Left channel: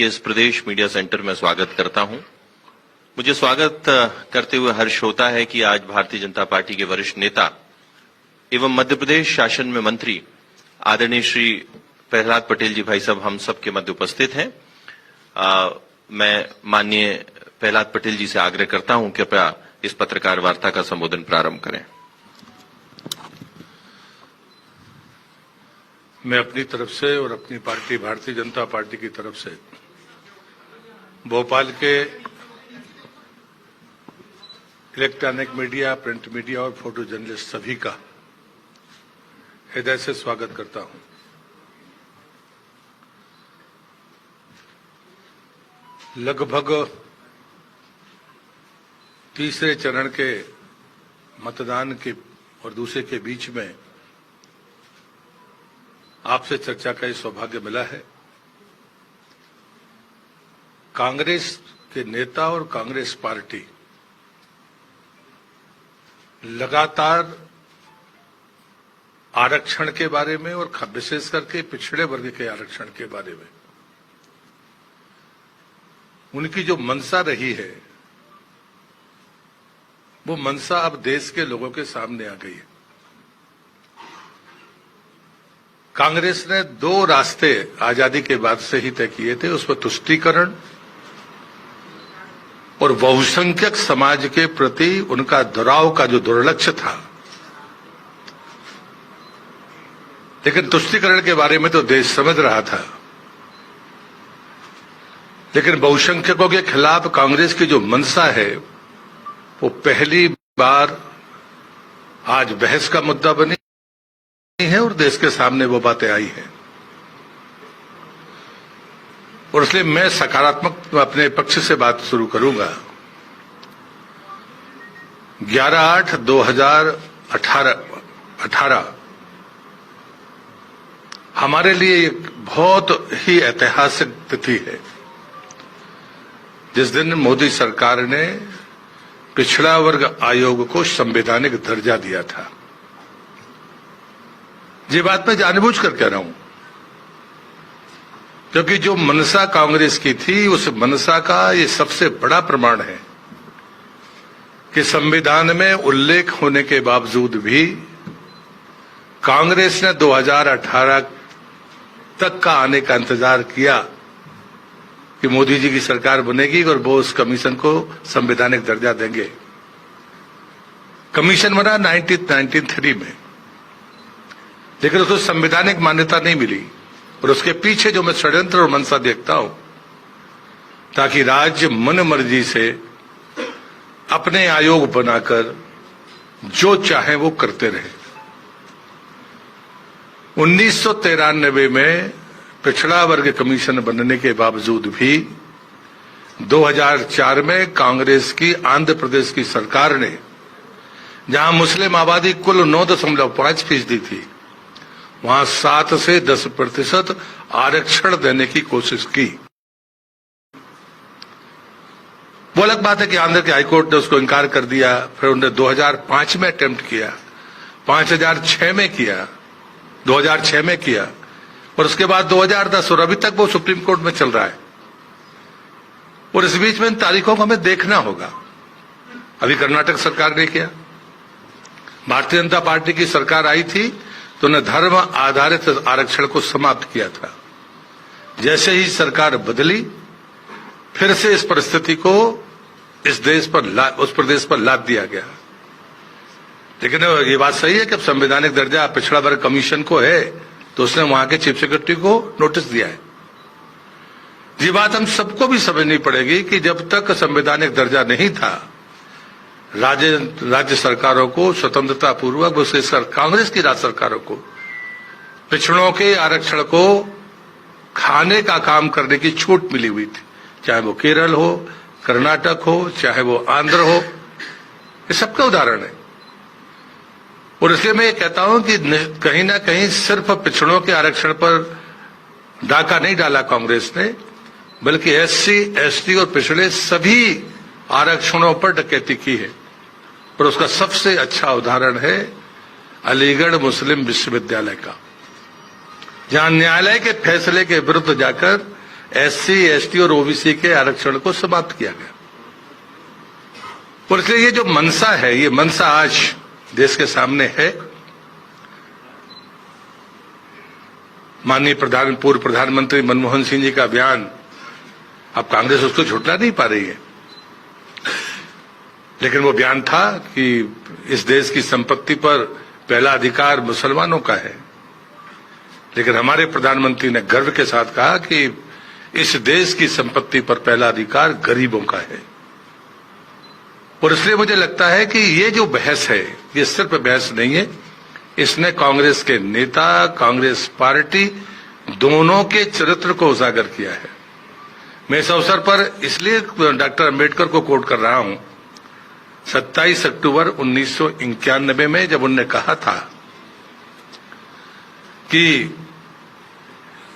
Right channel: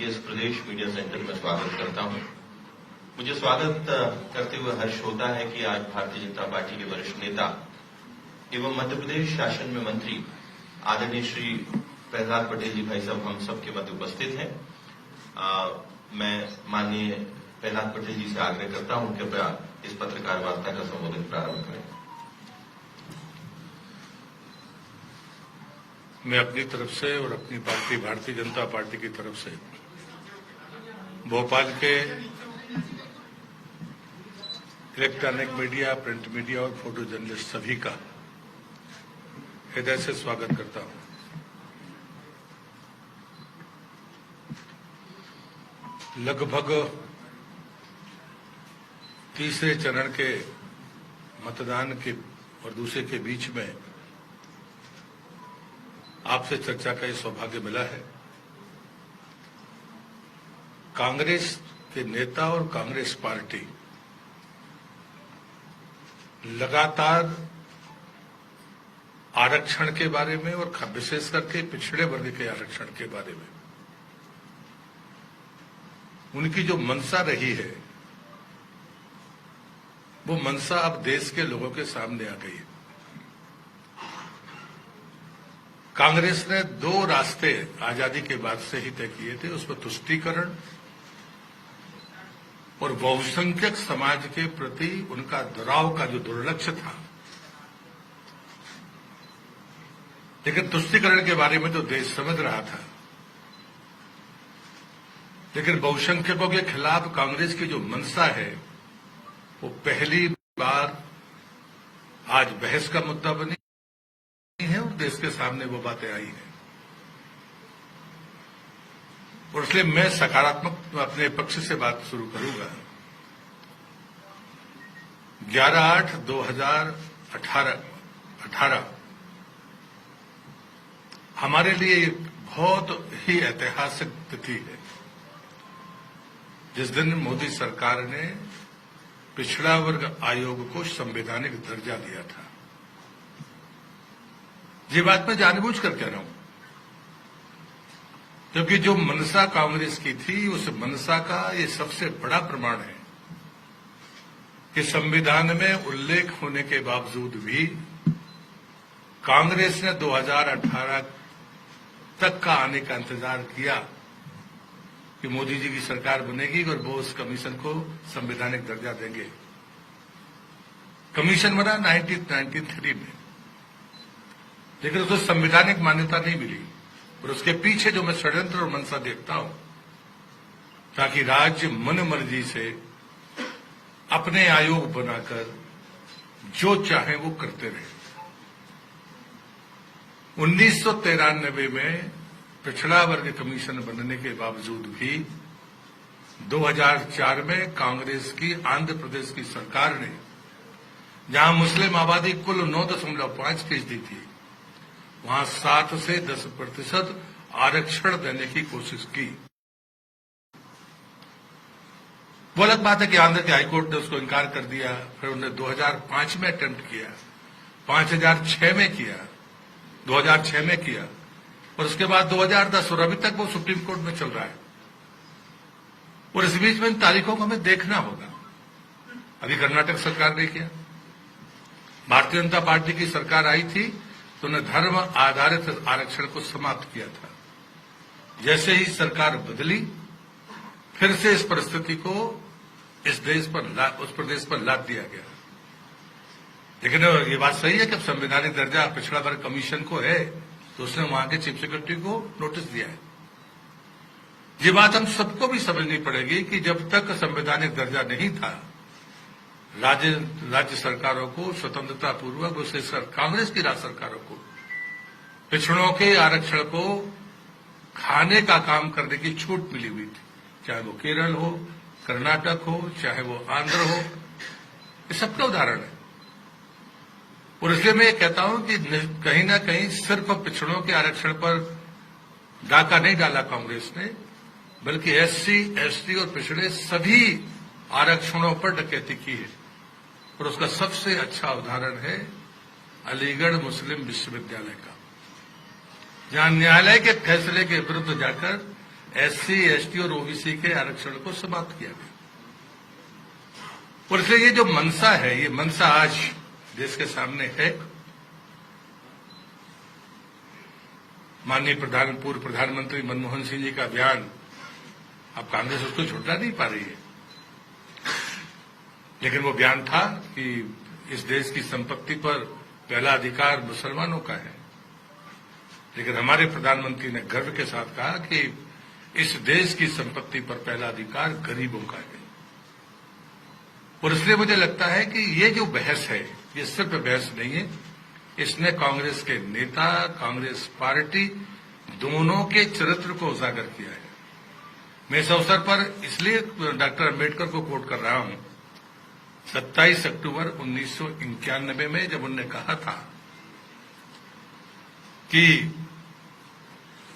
के इस प्रदेश media centre में स्वागत करता हूं। मुझे स्वागत करते हुए हर्ष होता है कि आज भारतीय जनता पार्टी के वरिष्ठ नेता एवं मध्य प्रदेश शासन में मंत्री आदरणीय श्री प्रहलाद पटेल जी भाई साहब हम सबके मध्य उपस्थित हैं। मैं माननीय प्रहलाद पटेल जी से आग्रह करता हूं कि कृपया इस पत्रकार वार्ता का संबोधन प्रारंभ करें। मैं अपनी तरफ से और अपनी पार्टी भारतीय जनता पार्टी की तरफ से भोपाल के इलेक्ट्रॉनिक मीडिया, प्रिंट मीडिया और फोटो जर्नलिस्ट सभी का हृदय से स्वागत करता हूं। लगभग तीसरे चरण के मतदान के और दूसरे के बीच में आपसे चर्चा का ये सौभाग्य मिला है। कांग्रेस के नेता और कांग्रेस पार्टी लगातार आरक्षण के बारे में और विशेष करके पिछड़े वर्ग के आरक्षण के बारे में उनकी जो मंशा रही है वो मंशा अब देश के लोगों के सामने आ गई है। कांग्रेस ने दो रास्ते आजादी के बाद से ही तय किए थे, उसमें तुष्टीकरण और बहुसंख्यक समाज के प्रति उनका दुराव का जो दुर्लक्ष्य था। लेकिन तुष्टीकरण के बारे में तो देश समझ रहा था, लेकिन बहुसंख्यकों के खिलाफ कांग्रेस की जो मंशा है वो पहली बार आज बहस का मुद्दा बनी है और देश के सामने वो बातें आई हैं। और इसलिए मैं सकारात्मक अपने पक्ष से बात शुरू करूंगा। 11/8/2018 हमारे लिए एक बहुत ही ऐतिहासिक तिथि है, जिस दिन मोदी सरकार ने पिछड़ा वर्ग आयोग को संवैधानिक दर्जा दिया था। ये बात मैं जानबूझ कर कह रहा हूं क्योंकि जो मनसा कांग्रेस की थी उस मनसा का ये सबसे बड़ा प्रमाण है कि संविधान में उल्लेख होने के बावजूद भी कांग्रेस ने 2018 तक का आने का इंतजार किया कि मोदी जी की सरकार बनेगी और वो उस कमीशन को संवैधानिक दर्जा देंगे। कमीशन बना 1993 में, लेकिन उसको संवैधानिक मान्यता नहीं मिली। और उसके पीछे जो मैं षड्यंत्र और मंशा देखता हूं ताकि राज्य मन मर्जी से अपने आयोग बनाकर जो चाहे वो करते रहे। 1993 में पिछड़ा वर्ग कमीशन बनने के बावजूद भी 2004 में कांग्रेस की आंध्र प्रदेश की सरकार ने, जहां मुस्लिम आबादी कुल 9.5% थी, वहां 7 से 10% आरक्षण देने की कोशिश की। वो अलग बात है कि आंध्र के हाईकोर्ट ने उसको इनकार कर दिया। फिर उन्होंने 2005 में अटेम्प्ट किया, 2006 में किया, 2006 में किया और उसके बाद 2010 और अभी तक वो सुप्रीम कोर्ट में चल रहा है। और इस बीच में इन तारीखों को हमें देखना होगा। अभी कर्नाटक सरकार ने किया, भारतीय जनता पार्टी की सरकार आई थी तो उन्हें धर्म आधारित आरक्षण को समाप्त किया था। जैसे ही सरकार बदली फिर से इस परिस्थिति को उस प्रदेश पर लाद दिया गया। लेकिन ये बात सही है कि अब संवैधानिक दर्जा पिछड़ा वर्ग कमीशन को है तो उसने वहां के चीफ सेक्रेटरी को नोटिस दिया है। ये बात हम सबको भी समझनी पड़ेगी कि जब तक संवैधानिक दर्जा नहीं था, राज्य सरकारों को स्वतंत्रता पूर्वक, विशेषकर कांग्रेस की राज्य सरकारों को पिछड़ों के आरक्षण को खाने का काम करने की छूट मिली हुई थी, चाहे वो केरल हो, कर्नाटक हो, चाहे वो आंध्र हो। ये सबका उदाहरण है। और इसलिए मैं ये कहता हूं कि कहीं ना कहीं सिर्फ पिछड़ों के आरक्षण पर डाका नहीं डाला कांग्रेस ने, बल्कि SC, ST और पिछड़े सभी आरक्षणों पर डकैती की है। और उसका सबसे अच्छा उदाहरण है अलीगढ़ मुस्लिम विश्वविद्यालय का, जहां न्यायालय के फैसले के विरुद्ध जाकर SC, ST और OBC के आरक्षण को समाप्त किया गया। और इसलिए ये जो मंशा है, ये मंशा आज देश के सामने है। माननीय पूर्व प्रधानमंत्री मनमोहन सिंह जी का बयान, अब कांग्रेस उसको झुठला नहीं पा रही है, लेकिन वो बयान था कि इस देश की संपत्ति पर पहला अधिकार मुसलमानों का है। लेकिन हमारे प्रधानमंत्री ने गर्व के साथ कहा कि इस देश की संपत्ति पर पहला अधिकार गरीबों का है। और इसलिए मुझे लगता है कि ये जो बहस है, ये सिर्फ बहस नहीं है, इसने कांग्रेस के नेता, कांग्रेस पार्टी दोनों के चरित्र को उजागर किया है। मैं इस अवसर पर इसलिए डॉक्टर अंबेडकर को कोट कर रहा हूं। 27 अक्टूबर 1991 में जब उन्होंने कहा था कि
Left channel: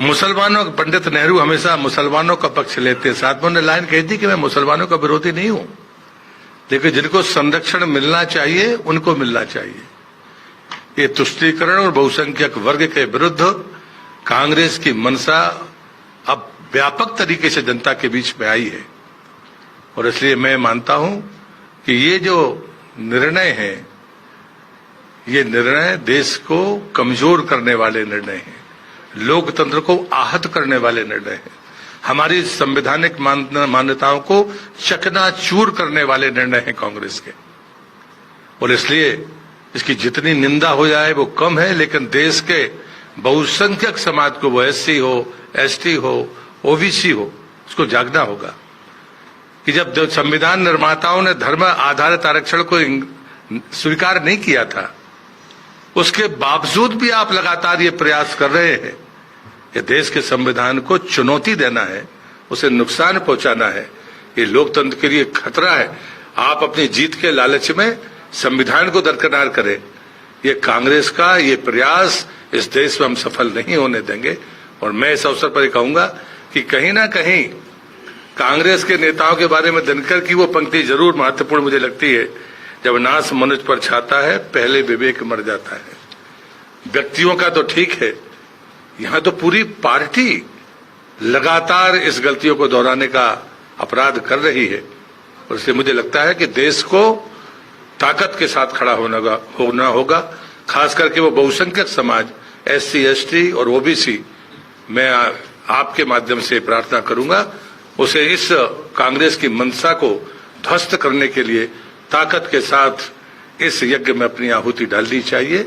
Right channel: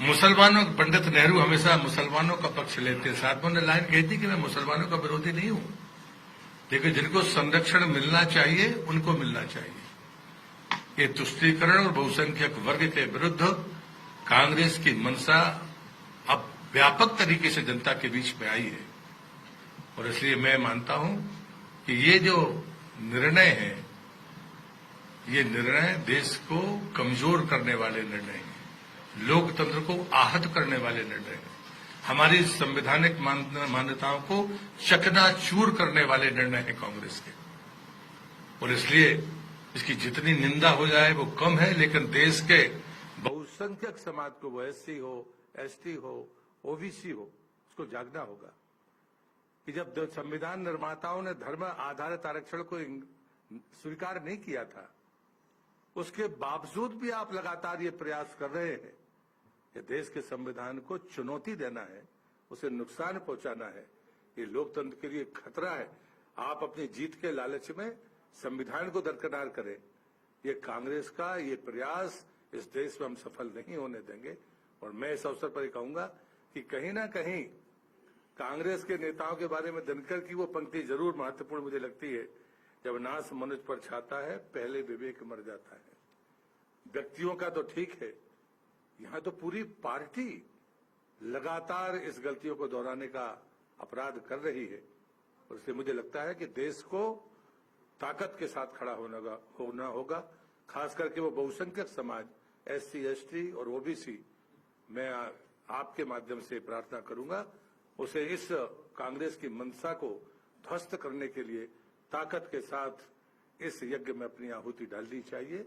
मुसलमानों, पंडित नेहरू हमेशा मुसलमानों का पक्ष लेते, साथ में उन्होंने लाइन कही थी कि मैं मुसलमानों का विरोधी नहीं हूं, लेकिन जिनको संरक्षण मिलना चाहिए उनको मिलना चाहिए। ये तुष्टीकरण और बहुसंख्यक वर्ग के विरुद्ध कांग्रेस की मंशा अब व्यापक तरीके से जनता के बीच में आई है। और इसलिए मैं मानता हूं कि ये जो निर्णय है, ये निर्णय देश को कमजोर करने वाले निर्णय हैं, लोकतंत्र को आहत करने वाले निर्णय हैं, हमारी संवैधानिक मान्यताओं को चकनाचूर करने वाले निर्णय हैं कांग्रेस के। और इसलिए इसकी जितनी निंदा हो जाए वो कम है, लेकिन देश के बहुसंख्यक समाज को, वो SC हो, ST हो, OBC हो, उसको जागना होगा कि जब संविधान निर्माताओं ने धर्म आधारित आरक्षण को स्वीकार नहीं किया था, उसके बावजूद भी आप लगातार ये प्रयास कर रहे हैं कि देश के संविधान को चुनौती देना है, उसे नुकसान पहुंचाना है। ये लोकतंत्र के लिए खतरा है। आप अपनी जीत के लालच में संविधान को दरकिनार करें, ये कांग्रेस का ये प्रयास इस देश में हम सफल नहीं होने देंगे। और मैं इस अवसर पर कहूंगा कि कहीं ना कहीं कांग्रेस के नेताओं के बारे में दिनकर की वो पंक्ति जरूर महत्वपूर्ण मुझे लगती है, जब नाश मनुष्य पर छाता है पहले विवेक मर जाता है। व्यक्तियों का तो ठीक है, यहां तो पूरी पार्टी लगातार इस गलतियों को दोहराने का अपराध कर रही है। और इसलिए मुझे लगता है कि देश को ताकत के साथ खड़ा होना होगा, खास करके वो बहुसंख्यक समाज SC, ST और OBC। मैं आपके माध्यम से प्रार्थना करूंगा उसे इस कांग्रेस की मंशा को ध्वस्त करने के लिए ताकत के साथ इस यज्ञ में अपनी आहुति डालनी चाहिए,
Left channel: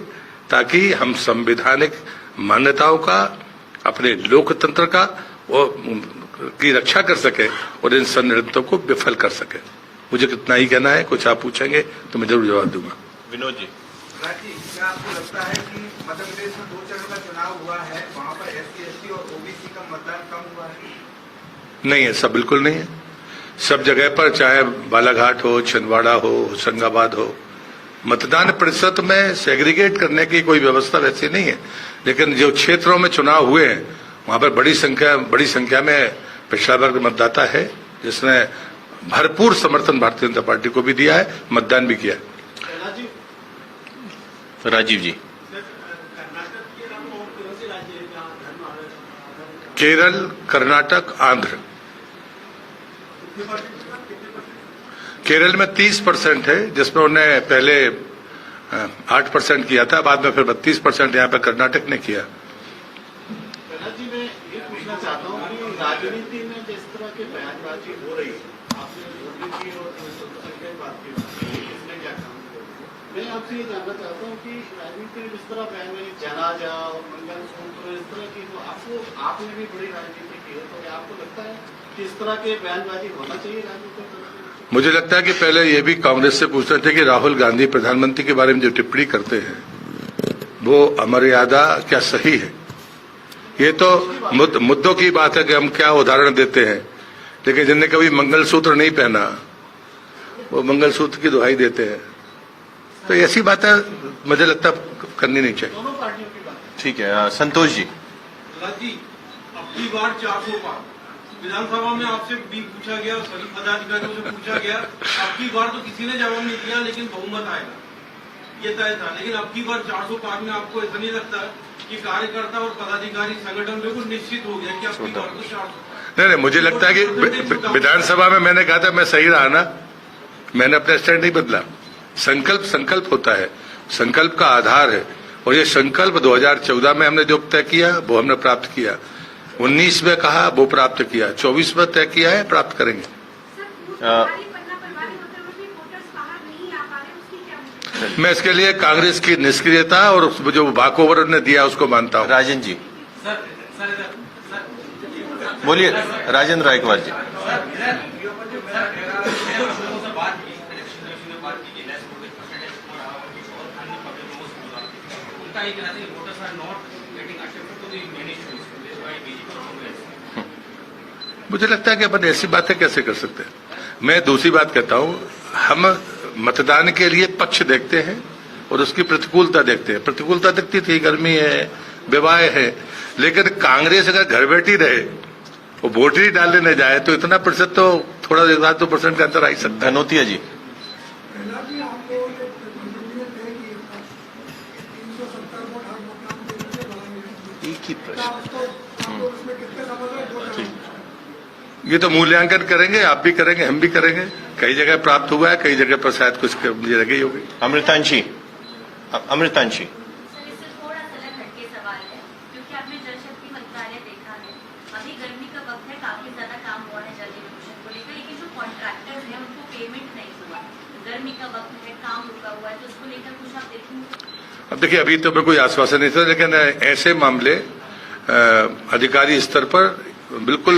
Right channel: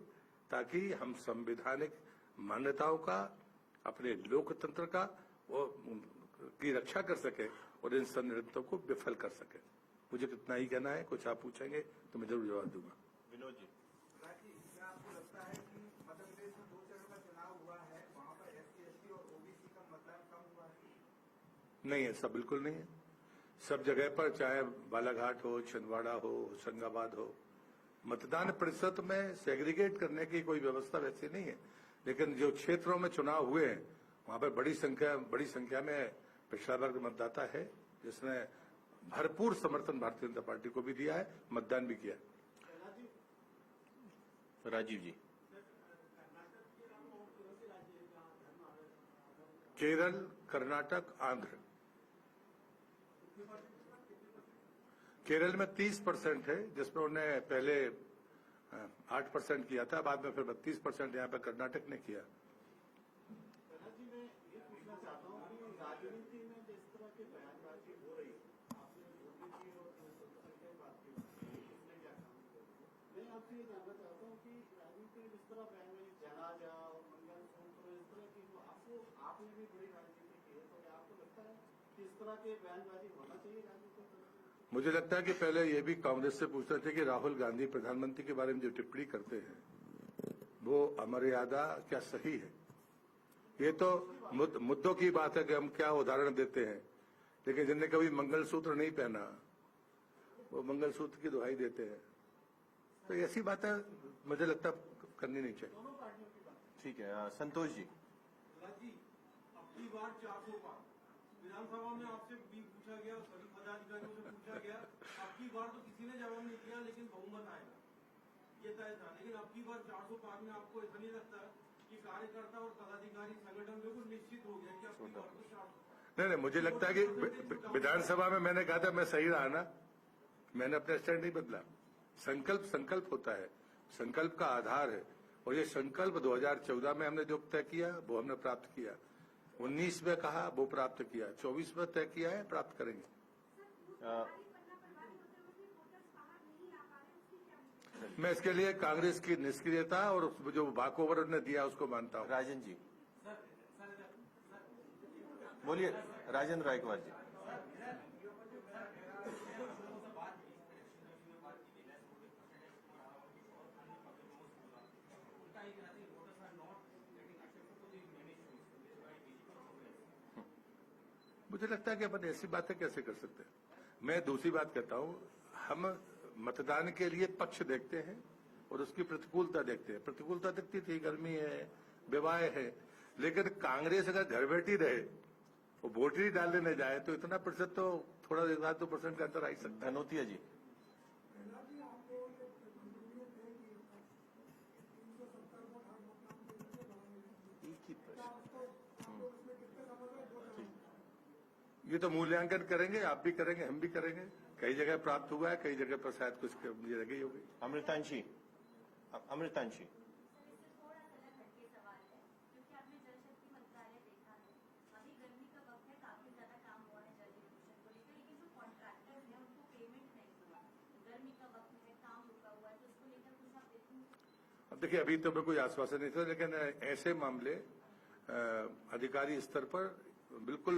ताकि हम संवैधानिक मान्यताओं का, अपने लोकतंत्र का की रक्षा कर सके और इन षड्यंत्रों को विफल कर सके। मुझे कितना ही कहना है, कुछ आप पूछेंगे तो मैं जरूर जवाब दूंगा। विनोद जी, क्या आपको लगता है कि मध्य प्रदेश में 2 चरण का चुनाव हुआ है, वहां पर SC, ST और OBC का मतदान कम हुआ है? नहीं, ऐसा बिल्कुल नहीं है। सब जगह पर, चाहे बालाघाट हो, छिंदवाड़ा हो, होशंगाबाद हो, मतदान प्रतिशत में सेग्रीगेट करने की कोई व्यवस्था वैसी नहीं है। लेकिन जो क्षेत्रों में चुनाव हुए हैं वहां पर बड़ी संख्या में पिछड़ा वर्ग मतदाता है, जिसने भरपूर समर्थन भारतीय जनता पार्टी को भी दिया है, मतदान भी किया है। राजीव जी, केरल, कर्नाटक, आंध्र। केरल में 30% है, जिसमें उन्हें पहले 8% किया था, बाद में फिर 32% यहाँ पे कर्नाटक ने किया। जी, मैं ये पूछना चाहता हूँ कि राजनीति में जिस तरह की बयानबाजी हो रही है, आपने मोदी की और संख्या बात की, किसने क्या काम किया, मैं आपसे ये जानना चाहता हूँ कि राजनीति में जिस तरह बयानबाजी, जनाजा और मंगलसूत्र, इस तरह की, तो आपने भी बड़ी राजनीति की है, तो आपको लगता है कि इस तरह के बयानबाजी होना चाहिए राजनीति में? मुझे लगता है कि पहले ये भी कांग्रेस से पूछना चाहिए कि राहुल गांधी प्रधानमंत्री के बारे में जो टिप्पणी करते हैं वो अमर्यादा क्या सही है? ये तो मुद्दों की बात है कि हम क्या उदाहरण देते हैं, लेकिन जिनने कभी मंगलसूत्र नहीं पहना वो मंगलसूत्र की दुहाई देते हैं। तो ऐसी बातें मुझे लगता करनी नहीं चाहिए। दोनों पार्टियों की बात। ठीक है। संतोष जी, अब की बार 400 पार विधानसभा में आपसे भी पूछा गया, सभी पदाधिकारियों से पूछा गया, अब की बार तो किसी ने जवाब नहीं दिया, लेकिन बहुमत आएगा ये तय था। लेकिन अब की बार 400 पार में आपको ऐसा नहीं लगता कि कार्यकर्ता और पदाधिकारी संगठन बिल्कुल निश्चित हो गया कि अब की बार तो 400? नहीं, मुझे लगता है कि विधानसभा में मैंने कहा था मैं सही रहा ना, मैंने अपना स्टैंड नहीं बदला। संकल्प होता है, संकल्प का आधार है, और ये संकल्प 2014 में हमने जो तय किया वो हमने प्राप्त किया, 19 में कहा वो प्राप्त किया, 24 में तय किया है, प्राप्त करेंगे। मैं इसके लिए कांग्रेस की निष्क्रियता और जो वॉकओवर उन्होंने दिया उसको मानता हूँ। राजन जी बोलिए, राजेंद्र रायकवाड़ जी। मुझे लगता है कि अपन ऐसी बातें कैसे कर सकते हैं। मैं दूसरी बात कहता हूँ, हम मतदान के लिए पक्ष देखते हैं और उसकी प्रतिकूलता देखते हैं। प्रतिकूलता दिखती थी, गर्मी है, विवाह है, लेकिन कांग्रेस अगर घर बैठी रहे वो वोट ही डालने न जाए तो इतना प्रतिशत तो थोड़ा 1-2% का अंतर आ ही सकता है। धनोतिया जी। एक ही प्रश्न, ये तो मूल्यांकन करेंगे, आप भी करेंगे, हम भी करेंगे। कई जगह प्राप्त हुआ है, कई जगह पर शायद कुछ जगह ही होगी। अमृतांशी। इससे थोड़ा सा हटके सवाल है, क्योंकि आपने जल शक्ति मंत्रालय देखा है, अभी गर्मी का वक्त है, काफी ज्यादा काम हुआ है जल प्रदूषण को लेकर, लेकिन जो कॉन्ट्रैक्टर्स हैं उनको पेमेंट नहीं हुआ, गर्मी का वक्त है, काम रुका हुआ है, तो उसको लेकर कुछ आप देखेंगे? अब देखिए, अभी तो मैं कोई आश्वासन नहीं था, लेकिन ऐसे मामले अधिकारी स्तर पर बिल्कुल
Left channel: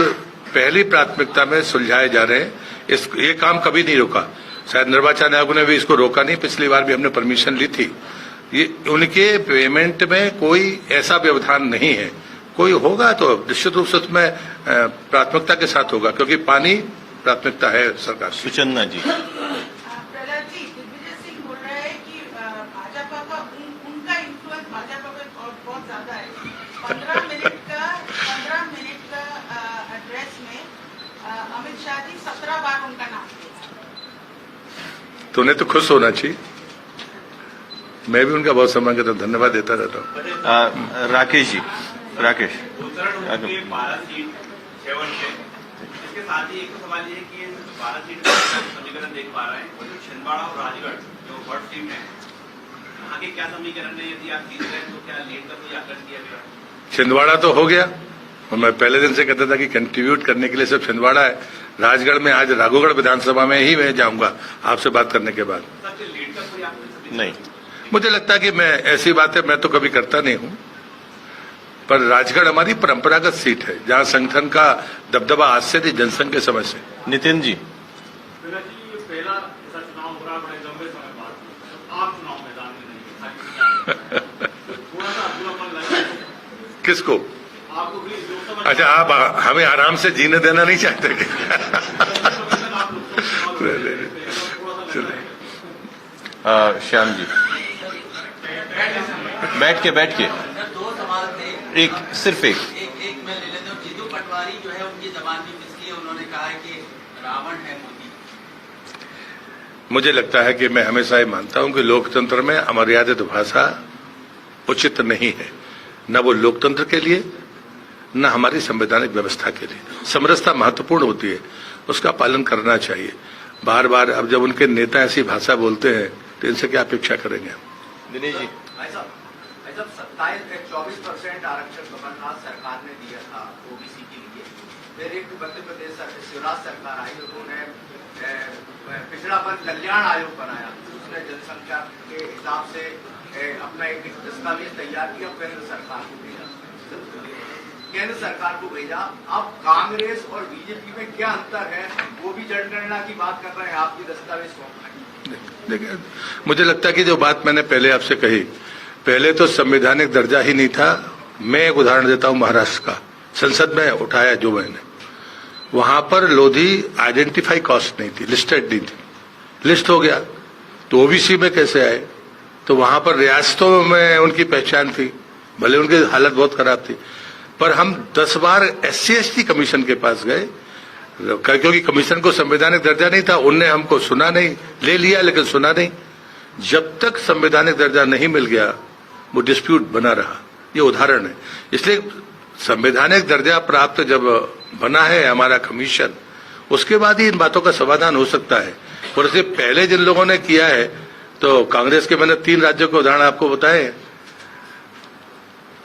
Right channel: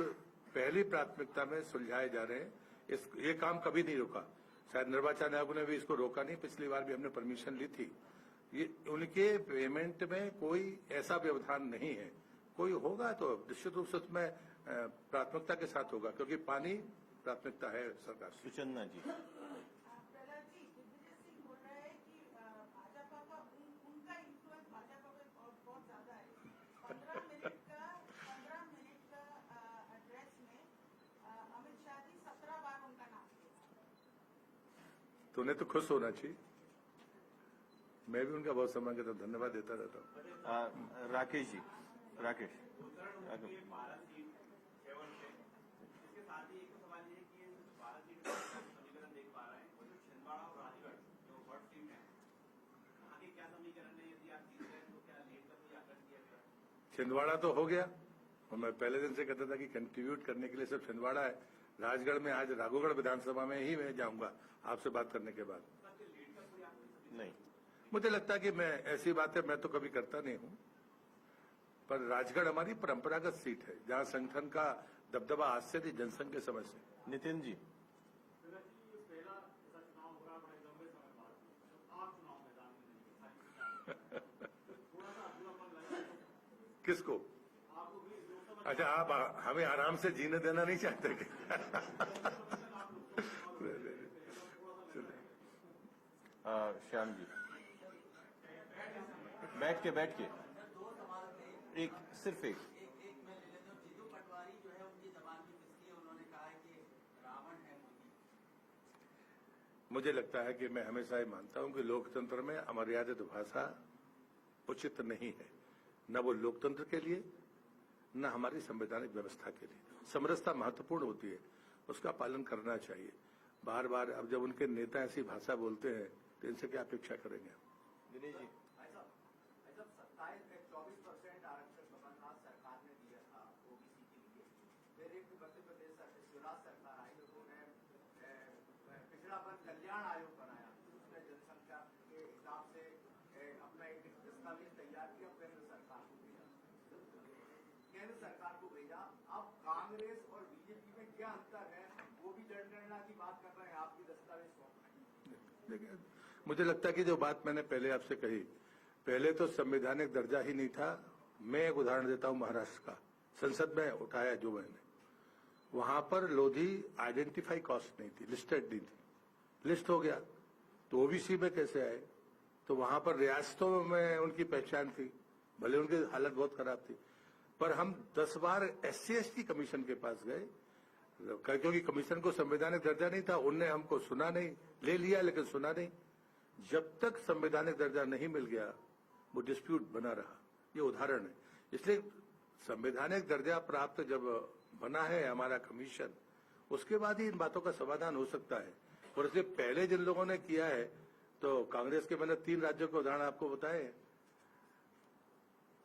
पहली प्राथमिकता में सुलझाए जा रहे हैं। ये काम कभी नहीं रुका, शायद निर्वाचन आयोग ने भी इसको रोका नहीं, पिछली बार भी हमने परमिशन ली थी। ये उनके पेमेंट में कोई ऐसा व्यवधान नहीं है, कोई होगा तो निश्चित रूप से उसमें प्राथमिकता के साथ होगा, क्योंकि पानी प्राथमिकता है सरकार की। सुचन्ना जी। प्रहलाद जी, दिग्विजय सिंह बोल रहे हैं कि भाजपा का उनका इन्फ्लुएंस भाजपा पे बहुत ज्यादा है। 15 मिनट का एड्रेस में अमित शाह जी 17 बार उनका नाम लिया। तो उन्हें तो खुश होना चाहिए, मैं भी उनका बहुत सम्मान करता हूँ, धन्यवाद देता रहता हूँ। राकेश जी। राकेश। इसके साथ ही एक सवाल ये है कि 12 सीट का समीकरण देख पा रहे हैं, और जो छिंदवाड़ा और राजगढ़ जो वर्ड टीम है, वहाँ के क्या समीकरण है? यदि आप जीत गए तो क्या लीड का कोई आकलन किया गया? छिंदवाड़ा तो हो गया, और मैं पहले दिन से कहता था कि कंट्रीब्यूट करने के लिए सिर्फ छिंदवाड़ा है। राजगढ़ में आज राघोगढ़ विधानसभा में ही मैं जाऊंगा आपसे बात करने के बाद। लीड का कोई आकलन नहीं, मुझे लगता है कि मैं ऐसी बातें मैं तो कभी करता नहीं हूं, पर राजगढ़ हमारी परंपरागत सीट है जहां संगठन का दबदबा आज से नहीं, जनसंघ के समय से। नितिन जी। पहला ऐसा चुनाव हो रहा है बड़े लंबे समय बाद, आप चुनाव मैदान में नहीं है, थोड़ा सा अधूरापन लगा किसको? आपको भी लोकसभा। अच्छा, आप हमें आराम से जीने देना नहीं चाहते? श्याम जी। बैठ के दो सवाल थे, एक सिर्फ एक एक मैं ले लेता हूँ। जीतू पटवारी जो है उनकी जबान भी फिसली है, उन्होंने कहा है कि रावण है मोदी। मुझे लगता है कि मैं हमेशा ये मानता हूं कि लोकतंत्र में अमर्यादित भाषा उचित नहीं है, न वो लोकतंत्र के लिए न हमारी संवैधानिक व्यवस्था के लिए। समरसता महत्वपूर्ण होती है, उसका पालन करना चाहिए। बार बार अब जब उनके नेता ऐसी भाषा बोलते हैं तो इनसे क्या अपेक्षा करेंगे हम? दिनेश जी। जब 24% आरक्षण कमलनाथ सरकार ने दिया था ओबीसी के लिए, फिर एक मध्य प्रदेश शिवराज सरकार आई, उन्होंने पिछड़ापन कल्याण आयोग बनाया, उसने जनसंख्या के हिसाब से अपना एक दस्तावेज तैयार किया, केंद्र सरकार को भेजा। अब कांग्रेस और बीजेपी में क्या अंतर है? वो भी जनगणना की बात कर रहे हैं, आपकी दस्तावेज कौन? देखिए, मुझे लगता है कि जो बात मैंने पहले आपसे कही, पहले तो संवैधानिक दर्जा ही नहीं था। मैं एक उदाहरण देता हूं महाराष्ट्र का, संसद में उठाया जो मैंने, वहां पर लोधी आइडेंटिफाई कास्ट नहीं थी, लिस्टेड नहीं थी, लिस्ट हो गया तो ओबीसी में कैसे आए? तो वहां पर रियासतों में उनकी पहचान थी, भले उनकी हालत बहुत खराब थी, पर हम 10 बार SC/ST कमीशन के पास गए, क्योंकि कमीशन को संवैधानिक दर्जा नहीं था, उनने हमको सुना नहीं, ले लिया लेकिन सुना नहीं। जब तक संवैधानिक दर्जा नहीं मिल गया वो डिस्प्यूट बना रहा। ये उदाहरण है। इसलिए संवैधानिक दर्जा प्राप्त जब बना है हमारा कमीशन, उसके बाद ही इन बातों का समाधान हो सकता है। और इससे पहले जिन लोगों ने किया है, तो कांग्रेस के मैंने 3 राज्यों के उदाहरण आपको बताए।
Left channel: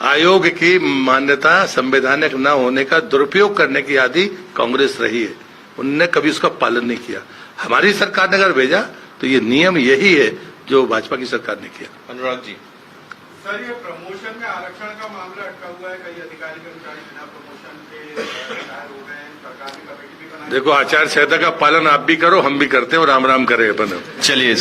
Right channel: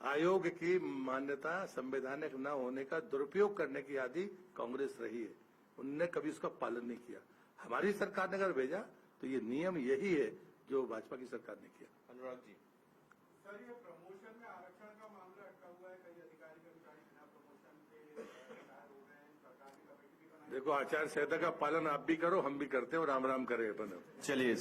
आयोग की मान्यता संवैधानिक न होने का दुरुपयोग करने की आदि कांग्रेस रही है, उनने कभी उसका पालन नहीं किया। हमारी सरकार ने अगर भेजा तो ये नियम यही है जो भाजपा की सरकार ने किया। अनुराग जी, सर, ये प्रमोशन में आरक्षण का मामला अटका हुआ है। कई अधिकारी कर्मचारी बिना प्रमोशन के रिटायर हो गए हैं। सरकार ने कमेटी भी बनाई। देखो, आचार संहिता का पालन आप भी करो, हम भी करते हैं, और राम राम करें अपन। चलिए।